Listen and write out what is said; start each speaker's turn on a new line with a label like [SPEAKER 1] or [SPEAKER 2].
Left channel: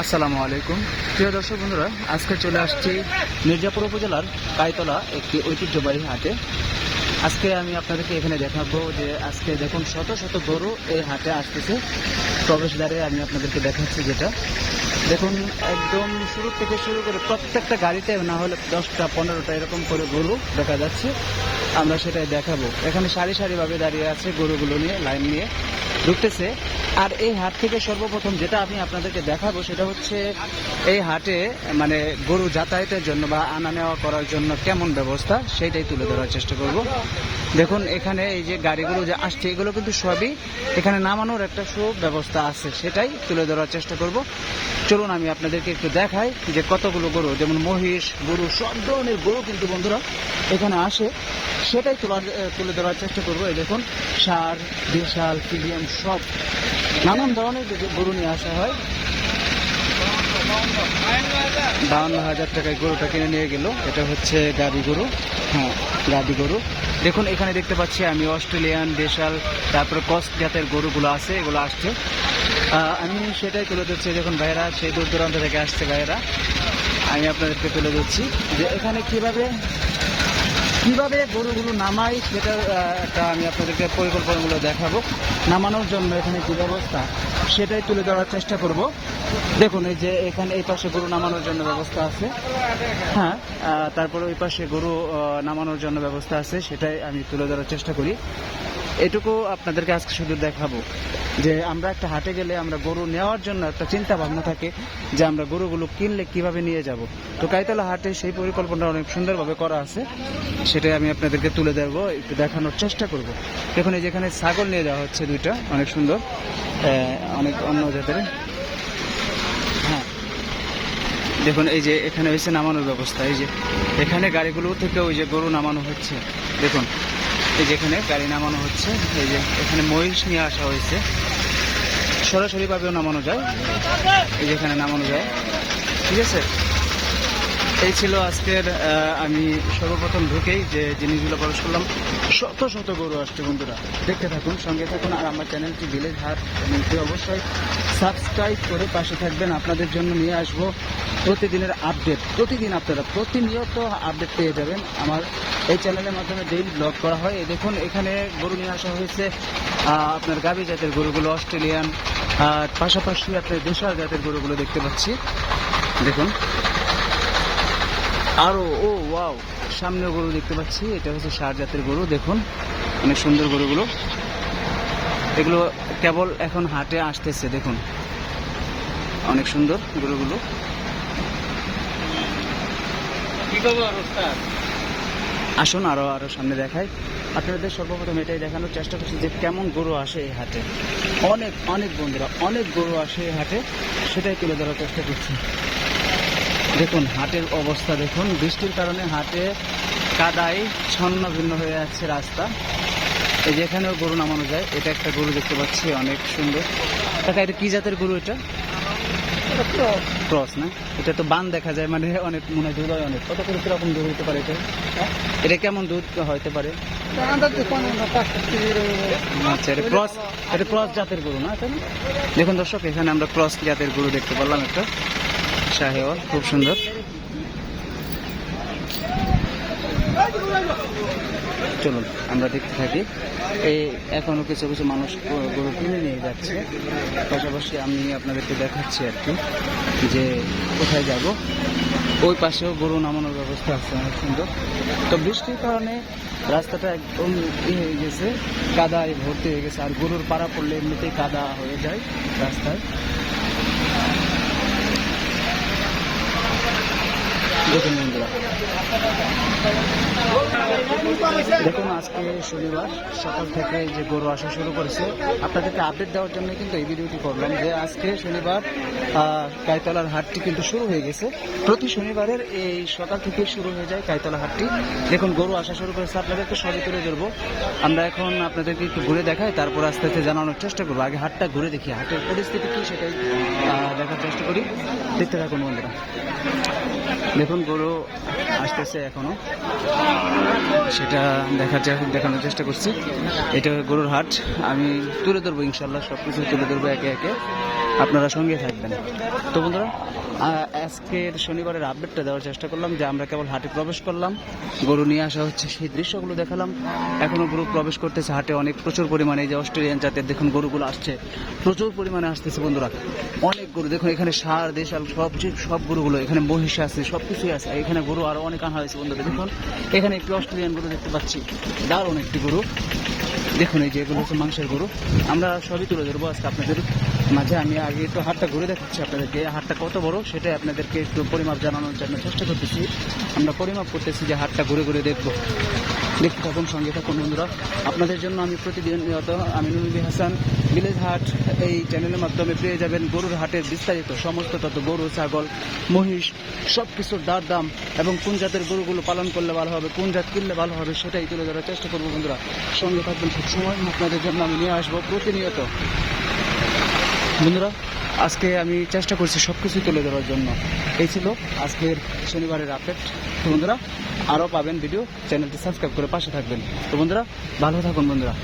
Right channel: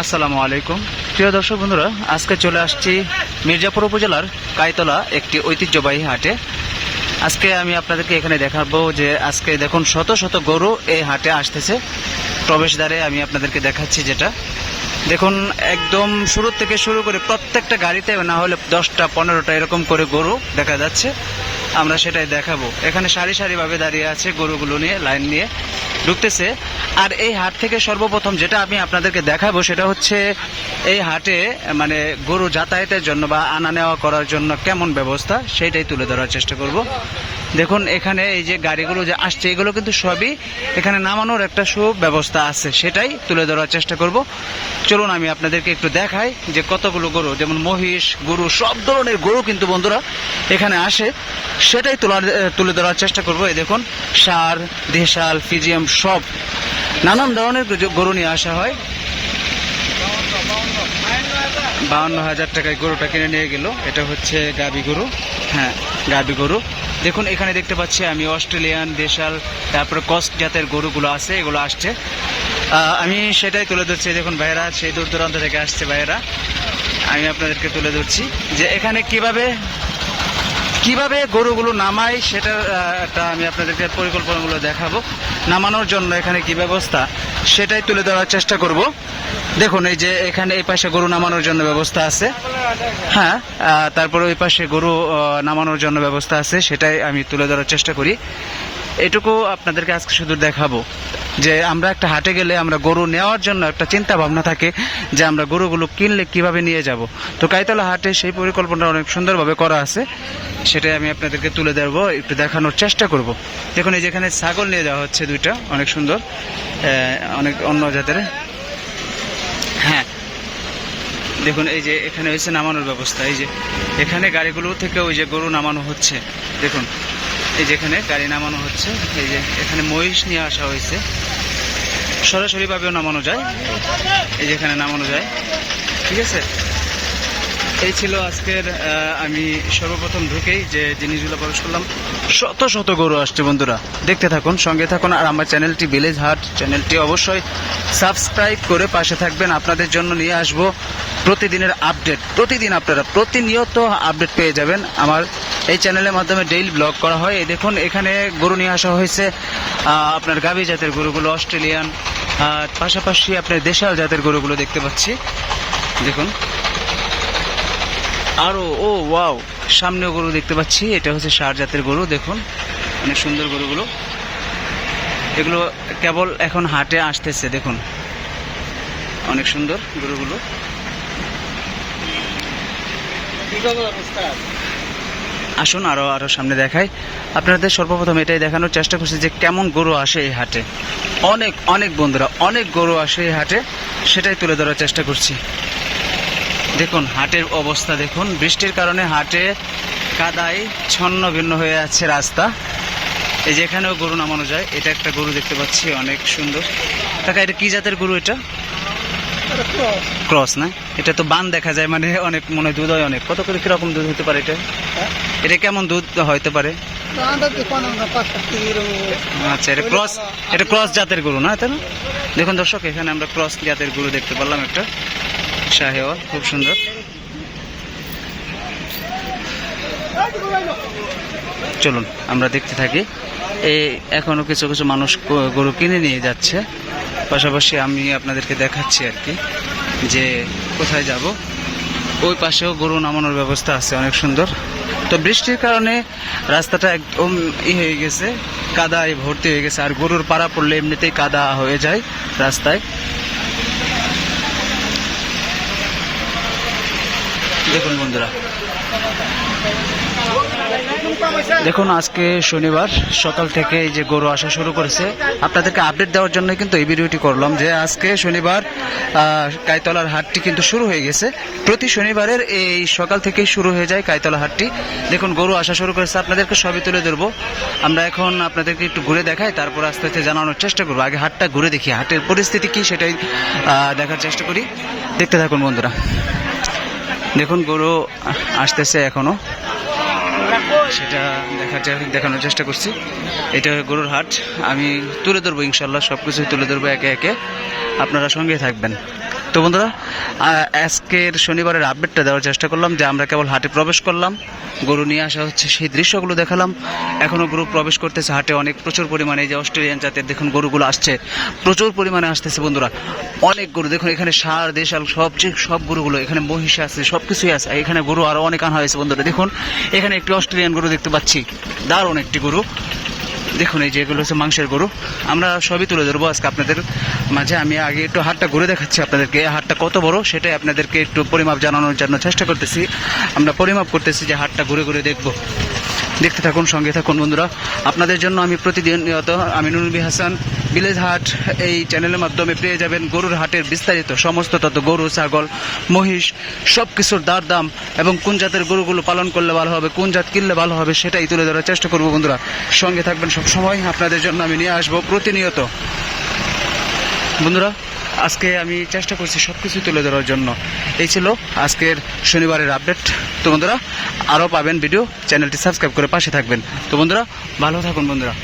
[SPEAKER 1] আসসালামু আলাইকুম। প্রিয় দর্শক বন্ধুরা, আজকে চলে আসছি মির্জাপুর উপজেলার কাইতলা একটি ঐতিহ্যবাহী হাটে। আজকে আমি আপনাদেরকে এখানে দেখাবো যে আজকে দেখুন শত শত গরু এই হাটে আসতেছে। প্রবেশদ্বারে আমি আপনাদেরকে দেখাচ্ছি যেটা। দেখুন, একদম শুরু থেকে শুরু করে প্রত্যেকটা গাড়িতে না হলে দশটা, পনেরোটা এরকম করে গরু দেখা যাচ্ছে। আমরা সেটাই দেখাবো। এখানে সারি সারিভাবে দাঁড়িয়ে আছে গরুগুলো নিয়ে, লাইন নিয়ে। ঢুকতেছে আর এই হাট থেকে সর্বপ্রথম যেটা আমি আপনাদেরকে দেখাবো সেটা হচ্ছে এই হাটে মানে গরু যাতায়াতের জন্য বা আনা নেওয়া করার জন্য কেমন ব্যবস্থা সেটাই তুলে ধরার চেষ্টা করব। দেখুন, এখানে এই যে গাড়িগুলো যে আসছে, এগুলো কিন্তু সবই এখানে নামানোর একটা সুব্যবস্থা আছে, সেটাই তুলে ধরার চেষ্টা করব। চলুন, আমি আপনাদেরকে একটু দেখাই যে কতগুলো গরু, যেমন মহিষ, গরু, সব ধরনের গরু কিন্তু বন্ধুরা এখানে আসে, সেটাই তোলার তুলে ধরার চেষ্টা করব। এই দেখুন, সার, দেশাল, ফিজিয়াম সব নানান ধরনের গরু নিয়ে আসা হয়। বাউন্ন হাজার টাকায় গরুটা কিনে নিয়ে গেল। এটা হচ্ছে গাবি গরু। হ্যাঁ গাবি গরু। দেখুন, এখানে দেখতে পাচ্ছি আমি অস্ট্রেলিয়ান, দেশাল, তারপরে কস্ট জাতের গরুগুলো আছে, এগুলো আসছে। আমি সেটাই তুলে ধরছি। দেখুন ভাইয়েরা, সেই দূর দূরান্ত থেকে আসছে ভাইয়েরা। আমি আপনাদেরকে তুলে ধরছি যে এখানে কীভাবে কীভাবে গরুগুলো নামাই সেটার একটা আমি আপনাদেরকে পরিকল্পনাগুলো দেখাবো। নামানোর জন্য এখানে কি ব্যবস্থা, সেটাই তুলে ধরার চেষ্টা করব। দেখুন, এই যে এখানে এই পাশে গরু নামানোর জন্য ব্যবস্থা আছে। হ্যাঁ তারপরে ওই পাশে গরু নামানোর জন্য ব্যবস্থা আছে, সেটাই আমি তুলে ধরার চেষ্টা করি। এটুকু আপনাদেরকে আজকে শুধু দেখাবো। যে আমরা একটা হাটে গেলে আমরা গরু নেওয়ার জন্য একটা চিন্তা ভাবনা থাকে যে আমরা গরুগুলো কিনলে কীভাবে নিয়ে যাব। তো কাইতলা হাটে সেই পরিকল্পনা অনেক সুন্দরভাবে করা আছে। সেটাই আমি আপনাদেরকে তুলে ধরবো, একটু দেখানোর চেষ্টা করব। দেখুন, এই যেখানে ছাগল নিয়ে যাওয়া হচ্ছে দুইটা, অনেক সুন্দর। অনেক অন্য জাতের। হ্যাঁ। দেখুন, এই যে এখানে হয়েছে নামানোর ব্যবস্থা। এই যে এখানে গাড়িগুলো থেকে ওই যে গরু নামানো হচ্ছে। দেখুন এই যে এখানে গাড়ি নামানো হচ্ছে, এই যে এখানে মহিষ নিয়ে আসা হয়েছে। সরাসরিভাবেও নামানো যায়, এই যে এখানে নামানো যায়। ঠিক আছে? এই ছিল আজকের আমি সর্বপ্রথম ঢুকেই যে জিনিসগুলো প্রবেশ করলাম। শত শত গরু আসছে বন্ধুরা, দেখতে থাকুন, সঙ্গে থাকুন, আর আমার চ্যানেলটি ভিলেজ হাট চ্যানেলটি অবশ্যই সাবস্ক্রাইব করে পাশে থাকবেন। আপনাদের জন্য নিয়ে আসব প্রতিদিনের আপডেট। প্রতিদিন আপনারা প্রতিনিয়ত আপডেট পেয়ে যাবেন আমার এই চ্যানেলের মাধ্যমে ডেইলি ব্লগ করা হয়। এই দেখুন, এখানে গরু নিয়ে আসা হয়েছে আপনার গাভী জাতের গরুগুলো, অস্ট্রেলিয়ান পাশাপাশি আপনার দেশাল জাতের গরুগুলো দেখতে পাচ্ছি। দেখুন। আরও ও ওয়াও সামনেও গরু দেখতে পাচ্ছি। এটা হচ্ছে সার জাতের গরু, দেখুন। অনেক সুন্দর গরুগুলো। এগুলো কেবল এখন হাটে আসতেছে, দেখুন। অনেক সুন্দর গরুগুলো। আসুন আরও আরও সামনে দেখাই। আপনাদের সর্বপ্রথম এটাই দেখানোর চেষ্টা করছি যে কেমন গরু আসে এই হাটে। অনেক অনেক বন্ধুরা, অনেক গরু আসে এই হাটে, সেটাই তুলে ধরার চেষ্টা করছি। দেখুন, হাটের অবস্থা দেখুন। বৃষ্টির কারণে হাটে কাদায় ছন্ন ভিন্ন হয়ে আছে রাস্তা। এই যে এখানেও গরু নামানো যায়, এটা একটা গরু দেখতে পাচ্ছি, অনেক সুন্দর। কাকা, এটা কি জাতের গরু এটা? ক্রস না? এটা তো বান দেখা যায় মানে অনেক মনে হয় দুধ হয় অনেক। কত করে কীরকম দুধ হতে পারে এটা? এটা কেমন দুধ হইতে পারে? আচ্ছা এটা ক্রস এটা ক্রস জাতের গরু না তাই না? দেখুন দর্শক এখানে আমরা ক্রস জাতের গরু দেখতে পারলাম একটা। শাহেওয়াল খুব সুন্দর। চলুন আমরা দেখতে থাকি। এই এখনও কিছু কিছু মানুষ গরু কিনে নিয়ে যাচ্ছে। পাশাপাশি আমি আপনাদেরকে দেখাচ্ছি আর কি, যে কোথায় যাব। ওই পাশেও গরু নামানোর ব্যবস্থা আছে, অনেক সুন্দর। তো বৃষ্টির কারণে রাস্তাটা একদম ই হয়ে গেছে, কাদায় ভর্তি হয়ে গেছে। আর গরুর পাড়া পড়লে এমনিতেই কাদা হয়ে যায় রাস্তায়। দেখুন বন্ধুরা। দেখুন, আজকে শনিবার, সকাল থেকে যে গরু আসা শুরু করেছে। আপনাদেরকে আপডেট দেওয়ার জন্য কিন্তু এই ভিডিওটি করলাম যে আজকে শনিবার কাইতলার হাটটি কিন্তু শুরু হয়ে গেছে। প্রতি শনিবারের এই সকাল থেকেই শুরু হয়ে যায় কাইতলা হাটটি। দেখুন, গরু আসা শুরু করেছে, আপনাদেরকে সবই তুলে ধরবো। আমরা এখন আপনাদেরকে একটু ঘুরে দেখাই, তারপর আস্তে আস্তে জানানোর চেষ্টা করব। আগে হাটটা ঘুরে দেখি, হাটের পরিস্থিতি কি সেটাই দেখার চেষ্টা করি। দেখতে থাকুন বন্ধুরা। দেখুন, গরু আসতেছে এখনও। সেটা দেখার দেখানোর চেষ্টা করছি। এটা গরুর হাট। আমি তুলে ধরবো ইনশাল্লাহ সব কিছু তুলে ধরবো একে একে। আপনারা সঙ্গে থাকবেন। তো বন্ধুরা আজকের শনিবারের আপডেটটা দেওয়ার চেষ্টা করলাম যে আমরা কেবল হাটে প্রবেশ করলাম, গরু নিয়ে আসা হচ্ছে, সেই দৃশ্যগুলো দেখালাম। এখনও গরু প্রবেশ করতেছে হাটে, অনেক প্রচুর পরিমাণে এই যে অস্ট্রেলিয়ান জাতের দেখুন গরুগুলো আসছে, প্রচুর পরিমাণে আসতেছে বন্ধুরা। অনেক গরু, দেখুন এখানে সার, দেশাল, সব যে সব গরুগুলো, এখানে মহিষ আছে সব কিছুই আছে এখানে গরু আরও অনেক আনা হয়েছে বন্ধুরা। দেখুন, এখানে একটি অস্ট্রেলিয়ান গরু দেখতে পাচ্ছি, দারুণ একটি গরু। দেখুন, এই যে এগুলো হচ্ছে মাংসের গরু। আমরা সবই তুলে ধরবো আজকে আপনাদের মাঝে। আমি আগে একটু হাটটা ঘুরে দেখাচ্ছি আপনাদেরকে। হাটটা কত বড় সেটাই আপনাদেরকে একটু পরিমাপ জানানোর জন্য চেষ্টা করতেছি। আমরা পরিমাপ করতেছি যে হাটটা ঘুরে ঘুরে দেখব। দেখতে থাকুন, সঙ্গে থাকুন বন্ধুরা। আপনাদের জন্য আমি প্রতিদিনিয়ত আমি বি হাসান ভিলেজ হাট এই চ্যানেলের মাধ্যমে পেয়ে যাবেন গরুর হাটের বিস্তারিত সমস্ত তত গরু, ছাগল, মহিষ সব কিছুর দার দাম এবং কোন জাতের গরুগুলো পালন করলে ভালো হবে, কোন জাত কিনলে ভালো হবে সেটাই তুলে ধরার চেষ্টা করব বন্ধুরা। সঙ্গে থাকবেন সব সময়, আপনাদের জন্য আমি নিয়ে আসব প্রতিনিয়ত। বন্ধুরা, আজকে আমি চেষ্টা করছি সব কিছু তুলে ধরার জন্য। এই ছিল আজকের শনিবারের আপডেট। তো বন্ধুরা, আরও পাবেন ভিডিও চ্যানেলটি সাবস্ক্রাইব করে পাশে থাকবেন। তো বন্ধুরা, ভালো থাকুন বন্ধুরা।